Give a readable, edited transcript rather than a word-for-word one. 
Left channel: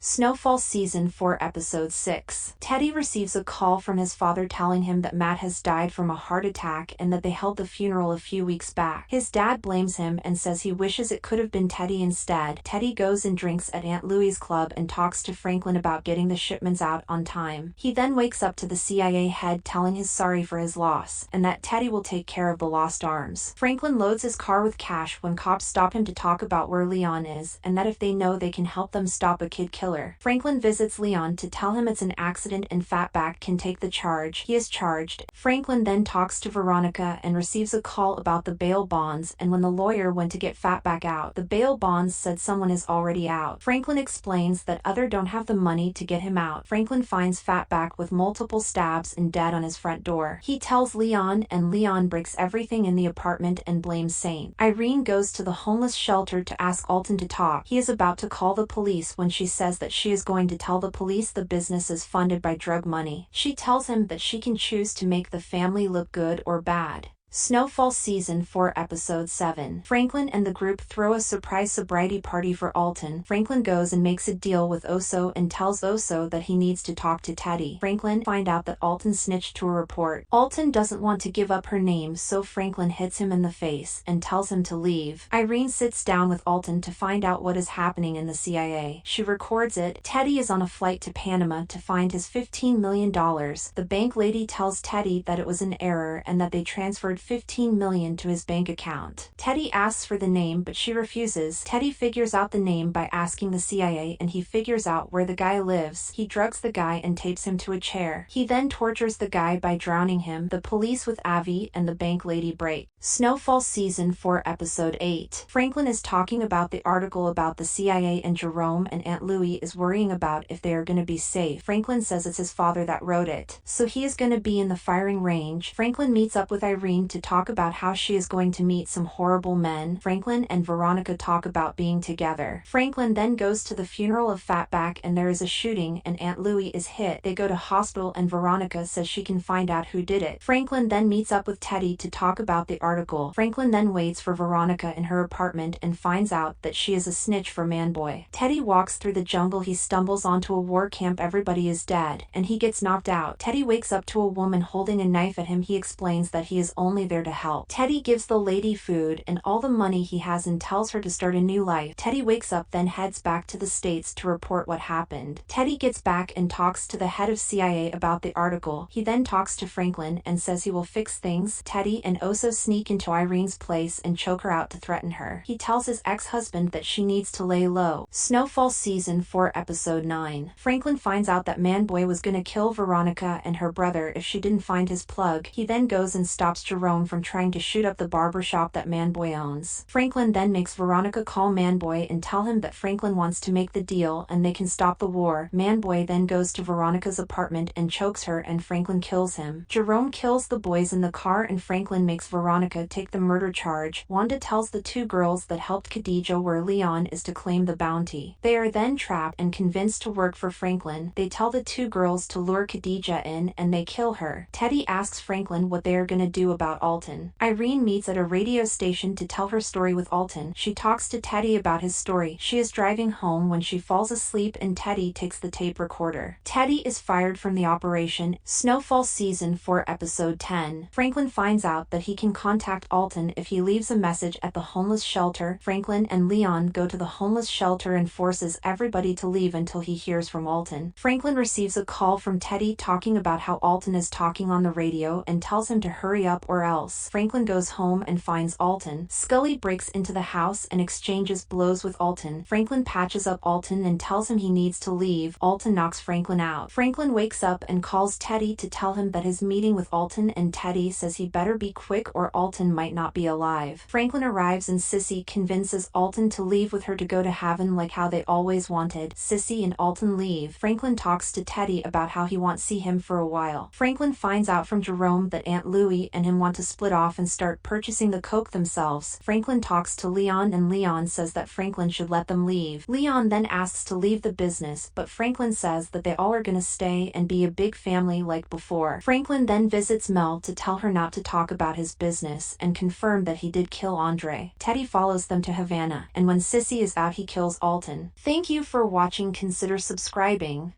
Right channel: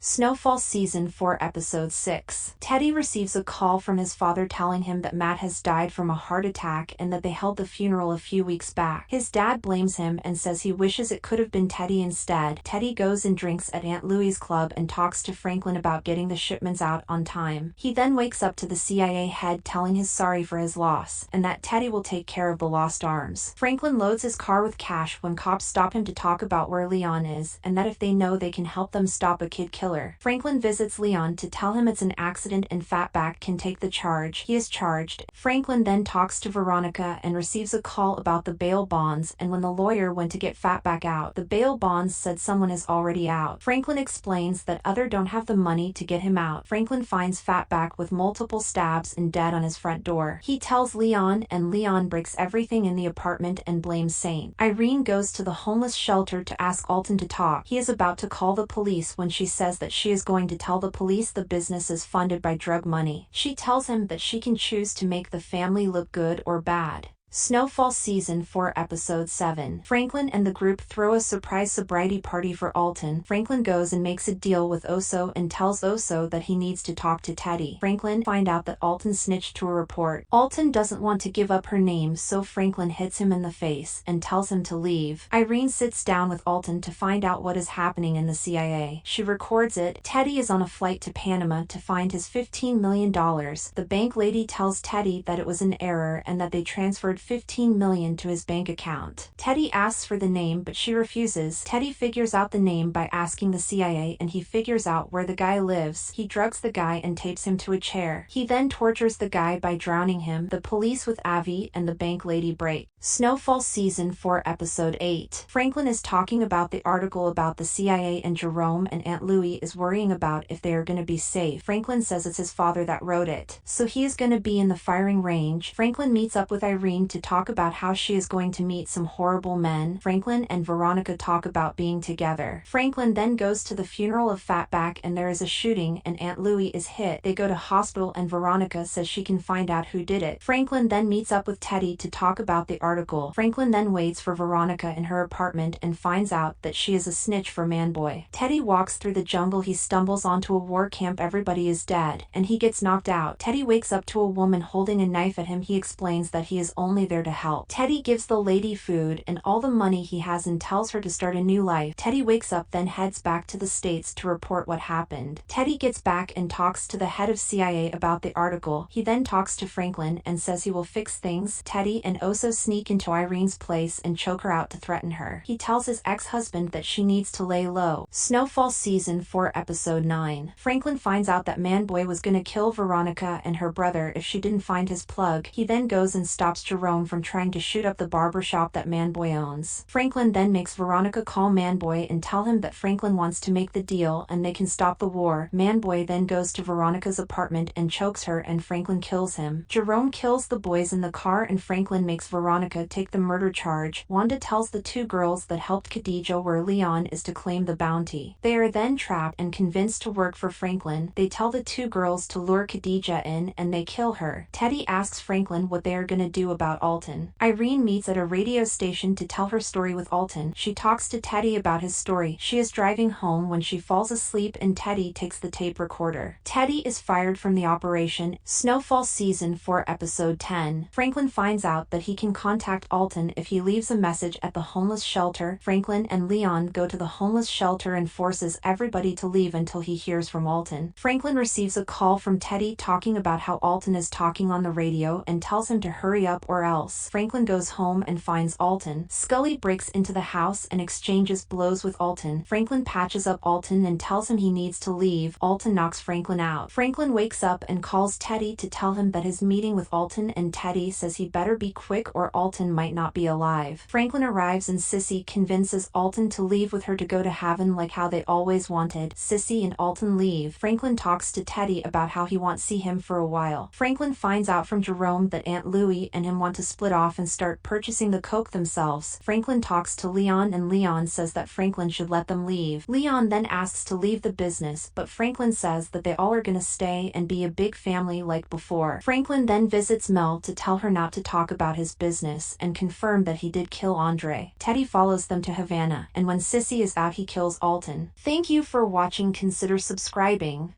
Snowfall Season 4 Episode 6. Teddy receives a call from his father telling him that Matt has died from a heart attack and that they held the funeral a few weeks back. His dad blames him and says he wishes it could have been Teddy instead. Teddy goes and drinks at Aunt Louie's club and talks to Franklin about getting the shipments out on time. He then wakes up to the CIA head telling him sorry for his loss and that Teddy will take care of the lost arms. Franklin loads his car with cash when cops stop him to talk about where Leon is and that if they know they can help them stop a kid killer. Franklin visits Leon to tell him it's an accident and Fatback can take the charge. He is charged. Franklin then talks to Veronica and receives a call about the bail bonds, and when the lawyer went to get Fatback out, the bail bonds said someone is already out. Franklin explains that other don't have the money to get him out. Franklin finds Fatback with multiple stabs and dead on his front door. He tells Leon and Leon breaks everything in the apartment and blames Saint. Irene goes to the homeless shelter to ask Alton to talk. He is about to call the police when she says that she is going to tell the police the business is funded by drug money. She tells him that she can choose to make the family look good or bad. Snowfall Season 4 Episode 7. Franklin and the group throw a surprise sobriety party for Alton. Franklin goes and makes a deal with Oso and tells Oso that he needs to talk to Teddy. Franklin finds out that Alton snitched to a report. Alton doesn't want to give up her name, so Franklin hits him in the face and tells him to leave. Irene sits down with Alton to find out what is happening in the CIA. She records it. Teddy is on a flight to Panama to find his $15 million. The bank lady tells Teddy that it was an error and that they transferred $15 million to his bank account. Teddy asks for the name, but she refuses. Teddy figures out the name by asking the CIA, and he figures out where the guy lives. He drugs the guy and tapes him to a chair. He then tortures the guy by drowning him. The police with Avi and the bank lady break. Snowfall Season 4 Episode 8. Franklin is talking about the article about the CIA and Jerome, and Aunt Louie is worrying about if they are going to be safe. Franklin says it's his father that wrote it, so he is going to be in the firing range. Franklin meets up with Irene to talk about how she is going to meet some horrible men. Franklin and Veronica talk about being together. Franklin then goes to the funeral of Fatback and there is a shooting and Aunt Louie is hit. They go to hospital and Veronica says she can find out who did it. Franklin then meets up with Teddy to talk about the article. Franklin then waits for Veronica in her apartment and finds out that she is a snitch for Manboy. Teddy walks through the jungle. He stumbles onto a war camp. Everybody is dead and he gets knocked out. Teddy wakes up to a woman holding a knife at him. He explains that he is only there to help. Teddy gives the lady food and all the money he has and tells her to start a new life. Teddy wakes up then heads back to the States to report what happened. Teddy gets back and talks to the head of CIA about the article. He then talks to Franklin and says he will fix things. Teddy and Oso sneak into Irene's place and choke her out to threaten her. He tells his ex-husband that she needs to lay low. Snowfall Season 4 Episode 9. Franklin finds out that Manboy was gonna kill Veronica and her brother if she didn't find his plug. He then goes and stops Jerome from trying to shoot up the barber shop that Manboy owns. Franklin then makes Veronica call Manboy and tell him that Franklin wants to make the deal and they can stop the war. Manboy then goes to Veronica's apartment and chokes her and Franklin kills him. Jerome kills the boys in the car and Franklin makes Veronica take the murder charge. Wanda tells the two girls that helped Khadija where Leon is to claim the bounty. They are then trapped and convinced to work for Franklin. They tell the two girls to lure Khadija in and they kill her. Teddy asks Franklin what they are gonna do about Alton. Irene meets at a radio station to tell her story with Alton. She talks to Teddy about his story. She is driving home when she falls asleep and Teddy takes the tape recorder. Teddy is fired from the operation. Snowfall Season 4 Episode 10. Franklin finds out that he can contact Alton if he leaves a message at the homeless shelter. Franklin and Leon go to the homeless shelter and forces everybody to leave until he hears from Alton. Franklin receives a call from Teddy talking about how Alton is talking on the radio and tells him to hurry up or else. Franklin goes home and finds Alton. Scully breaks into the house and exchanges blows with Alton. Franklin patches up Alton and tells him he needs to leave. Alton knocks Franklin out. Franklin wakes up and calls Teddy to tell him that his meeting with Alton, and Teddy says he better be quick or Alton might not be alive. Franklin arrives and Sissy convinces Alton to leave with her to go to heaven like how they always wanted. Sissy and Alton leave. Franklin talks to Teddy about how he won't see him for a while. Franklin finds out from Jerome that Aunt Louie and him want to split off and start purchasing the coke themselves. Franklin talks to Leon and Leon says that Franklin should let them leave. Leon then asks to leave the business, but Franklin says that they all are gonna stay and be a big family like before. Franklin then visits Mel to tell her not to talk about his business and confirm that he did kill Andre. Teddy follows them to Havana, and when Sissy is out he kills Alton. Thank you for watching. Consider subscribing.